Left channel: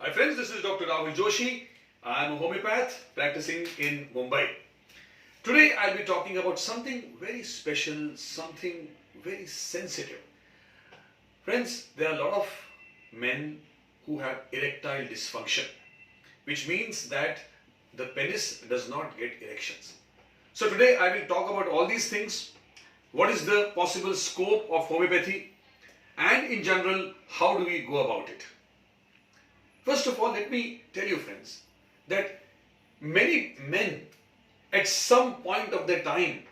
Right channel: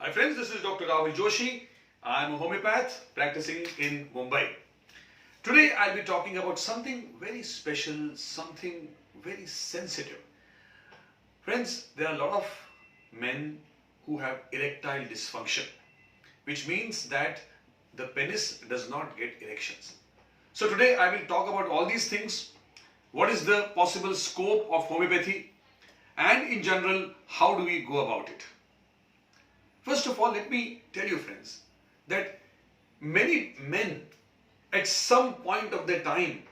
Hi friends, this is Dr. Rahul Joshi. I am a homeopath practicing in Mumbai. Today I'll be talking about something very special, something very sensitive. Friends, there are a lot of men who have erectile dysfunction, which means that the penis does not get erections. So today I will talk about all these things. What is the possible scope of homeopathy? And in general, how do we go about it? First of all, let me tell you friends, that many men at some point of their time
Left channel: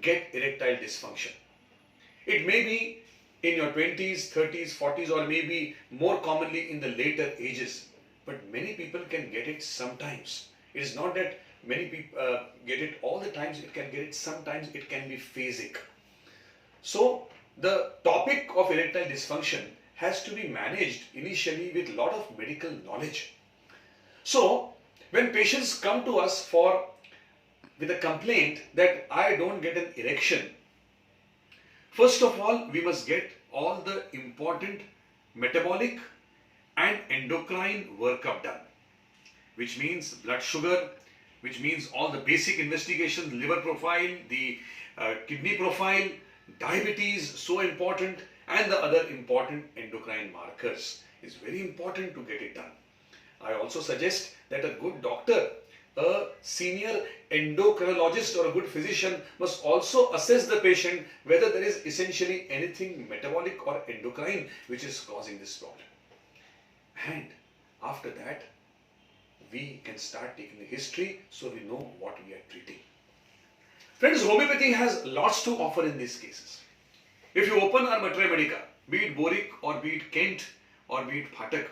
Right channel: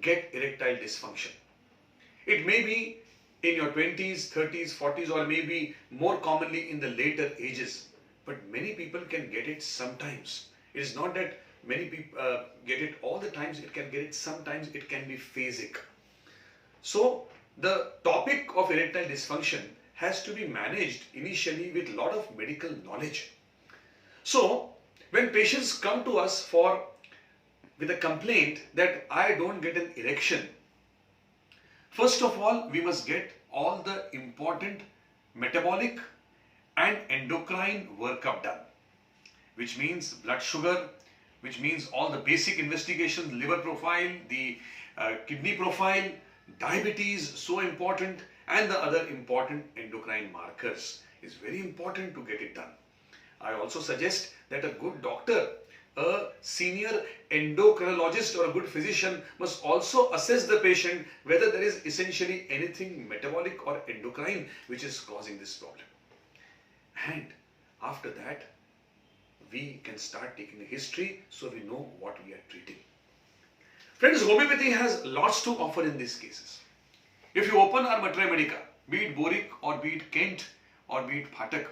get erectile dysfunction. It may be in your 20s, 30s, 40s, or maybe more commonly in the later ages. But many people can get it sometimes. It is not that many people get it all the times, it can get it sometimes, it can be phasic. So the topic of erectile dysfunction has to be managed initially with a lot of medical knowledge. So when patients come to us with a complaint that I don't get an erection, first of all, we must get all the important metabolic and endocrine workup done, which means blood sugar, which means all the basic investigations, liver profile, the kidney profile, diabetes, so important, and the other important endocrine markers. Is very important to get it done. I also suggest that a good doctor, a senior endocrinologist or a good physician must also assess the patient whether there is essentially anything metabolic or endocrine which is causing this problem. And after that, we can start taking the history so we know what we are treating. Friends, homeopathy has lots to offer in these cases. If you open our Matra Medica, be it Boric or be it Kent or be it Phatak,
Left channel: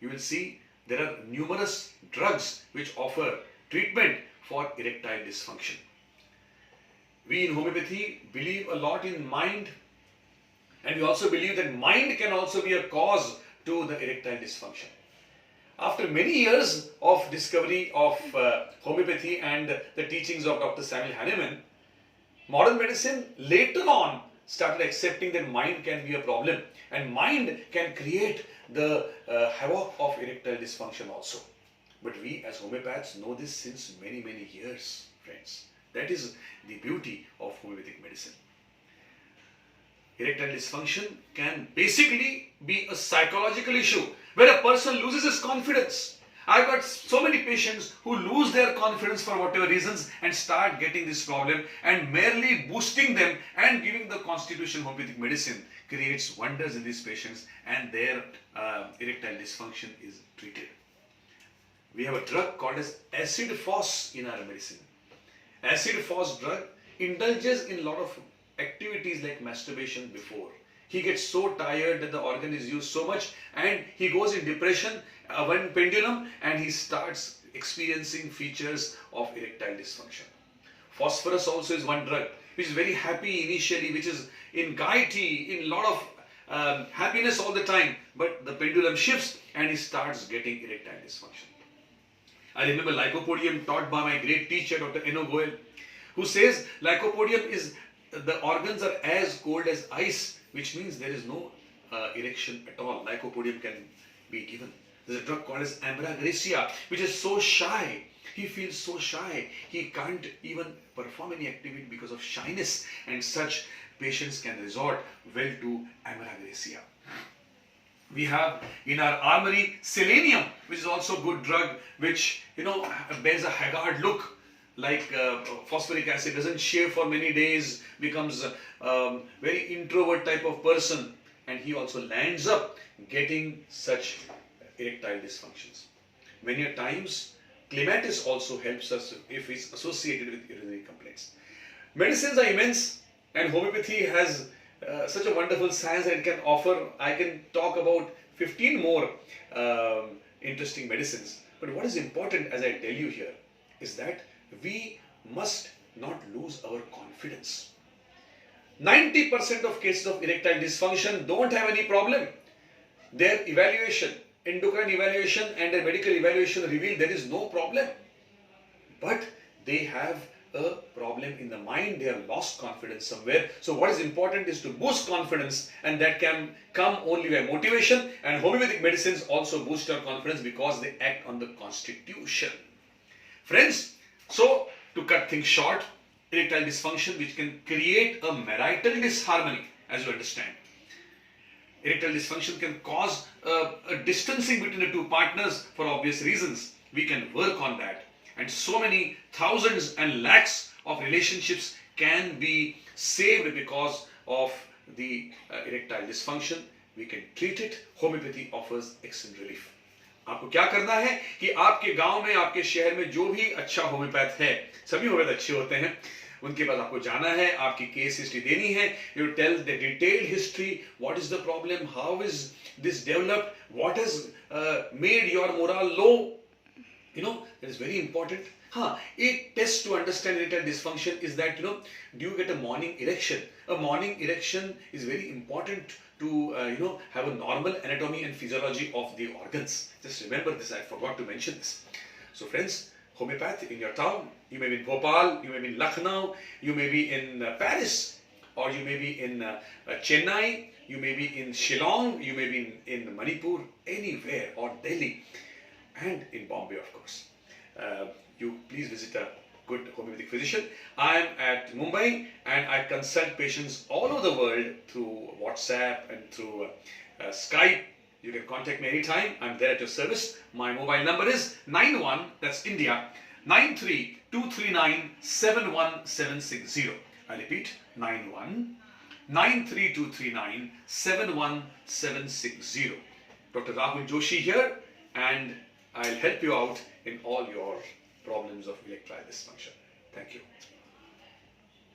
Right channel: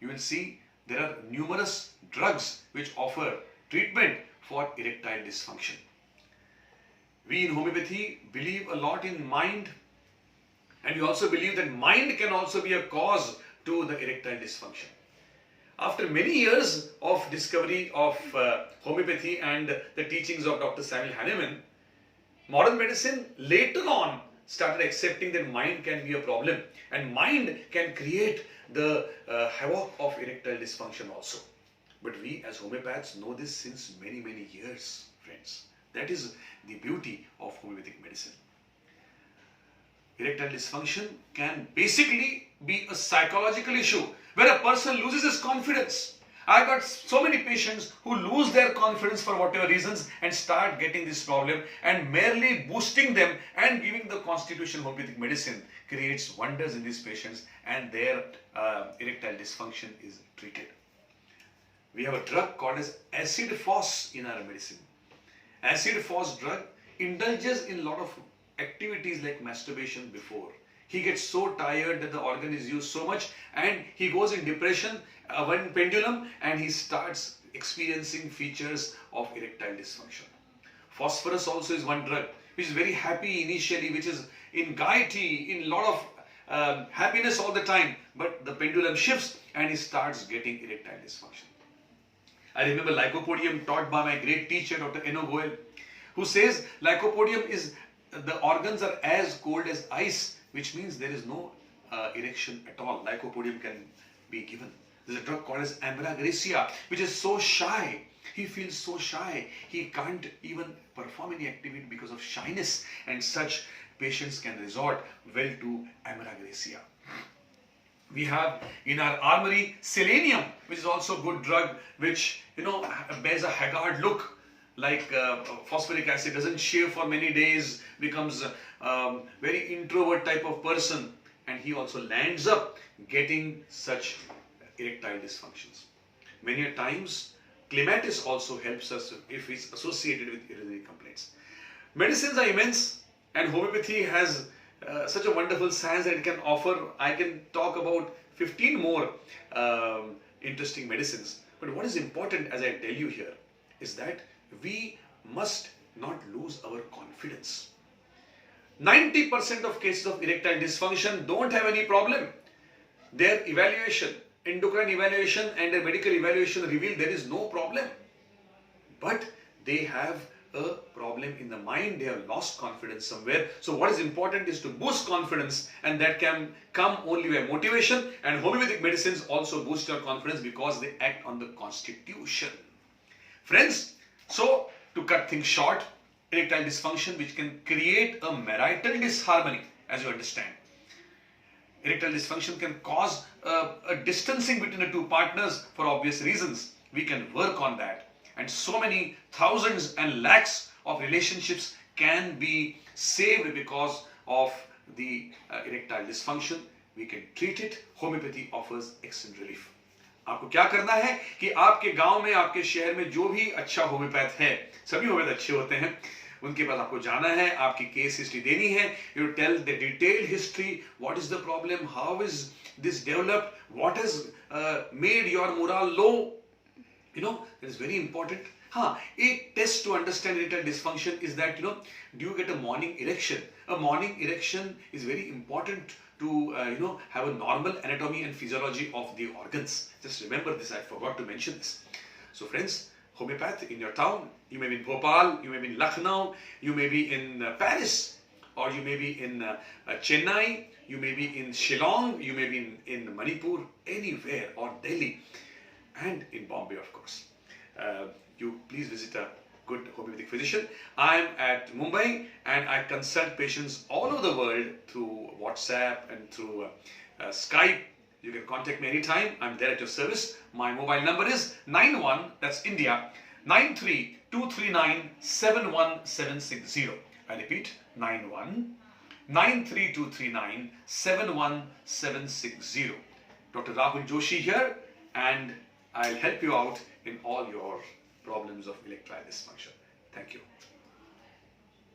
you will see there are numerous drugs which offer treatment for erectile dysfunction. We in homeopathy believe a lot in mind, and we also believe that mind can also be a cause to the erectile dysfunction. After many years of discovery of homeopathy and the teachings of Dr. Samuel Hahnemann, modern medicine later on started accepting that mind can be a problem and mind can create the havoc of erectile dysfunction also. But we as homeopaths know this since many years, friends. That is the beauty of homeopathic medicine. Erectile dysfunction can basically be a psychological issue where a person loses his confidence. I've got so many patients who lose their confidence for whatever reasons and start getting this problem, and merely boosting them and giving the constitutional homeopathic medicine creates wonders in these patients, and their erectile dysfunction is treated. We have a drug called as acid phos in our medicine. Acid phos drug indulges in a lot of activities like masturbation before. He gets so tired that the organ is used so much and he goes in depression, one pendulum, and he starts experiencing features of erectile dysfunction. Phosphorus also is one drug which is very happy initially, which is in gaiety, in a lot of happiness all the time, but the pendulum shifts and he starts getting erectile dysfunction. I remember Lycopodium taught by my great teacher Dr. Eno Goel, who says Lycopodium is, the organs are as cold as ice, which means there is no erection at all. Lycopodium can be given. There's a drug called as Ambra Gracia, which is so shy. He feels so shy. He can't even perform any activity because of shyness, and such patients can resort well to Ambra Gracia. We have in our armory Selenium, which is also a good drug, which bears a haggard look, like phosphoric acid, doesn't shave for many days, becomes a very introvert type of person, and he also lands up getting such erectile dysfunctions. Many a times clematis also helps us if it's associated with urinary complaints. Medicines are immense, and homeopathy has such a wonderful science that it can offer. I can talk about 15 more interesting medicines, but what is important, as I tell you here, is that we must not lose our confidence. 90% of cases of erectile dysfunction don't have any problem. Their evaluation, endocrine evaluation and their medical evaluation reveal there is no problem. But they have a problem in the mind. They have lost confidence somewhere. So what is important is to boost confidence, and that can come only by motivation. And homeopathic medicines also boost your confidence because they act on the constitution. Friends, so to cut things short, erectile dysfunction, which can create a marital disharmony, as you understand. Erectile dysfunction can cause a distancing between the two partners for obvious reasons. We can work on that. And so many thousands and lakhs of relationships can be saved because of the erectile dysfunction. We can treat it. Homeopathy offers excellent relief. आपको क्या करना है कि आपके गांव में, आपके शहर में जो भी अच्छा होम्योपैथ है, सभी होम्योपैथ अच्छे होते हैं, उनके पास आपको जाना है, आपकी केस हिस्ट्री देनी है. You tell the detailed history, what is the problem, how is this developed, what has made your morale low. You know, it is very important. A test to understand erectile dysfunction is that, do you get a morning erection? A morning erection is very important to, have a normal anatomy and physiology of the organs. Just remember this, I forgot to mention this. So friends, homeopath in your town, you may be in Bhopal, you may be in Lucknow, you may be in Paris, or you may be in Chennai, you may be in Shillong, you may be in Manipur, anywhere, or Delhi. And in Bombay, of course. You please visit a good homeopathic physician. I am at Mumbai and I consult patients all over the world through WhatsApp and through Skype. You can contact me anytime. I'm there at your service. My mobile number is 91, that's India, 93-239-71760. I repeat, 91-93239-71760. Dr. Rahul Joshi here, and I'll help you out in all your problems of erectile dysfunction. Thank you.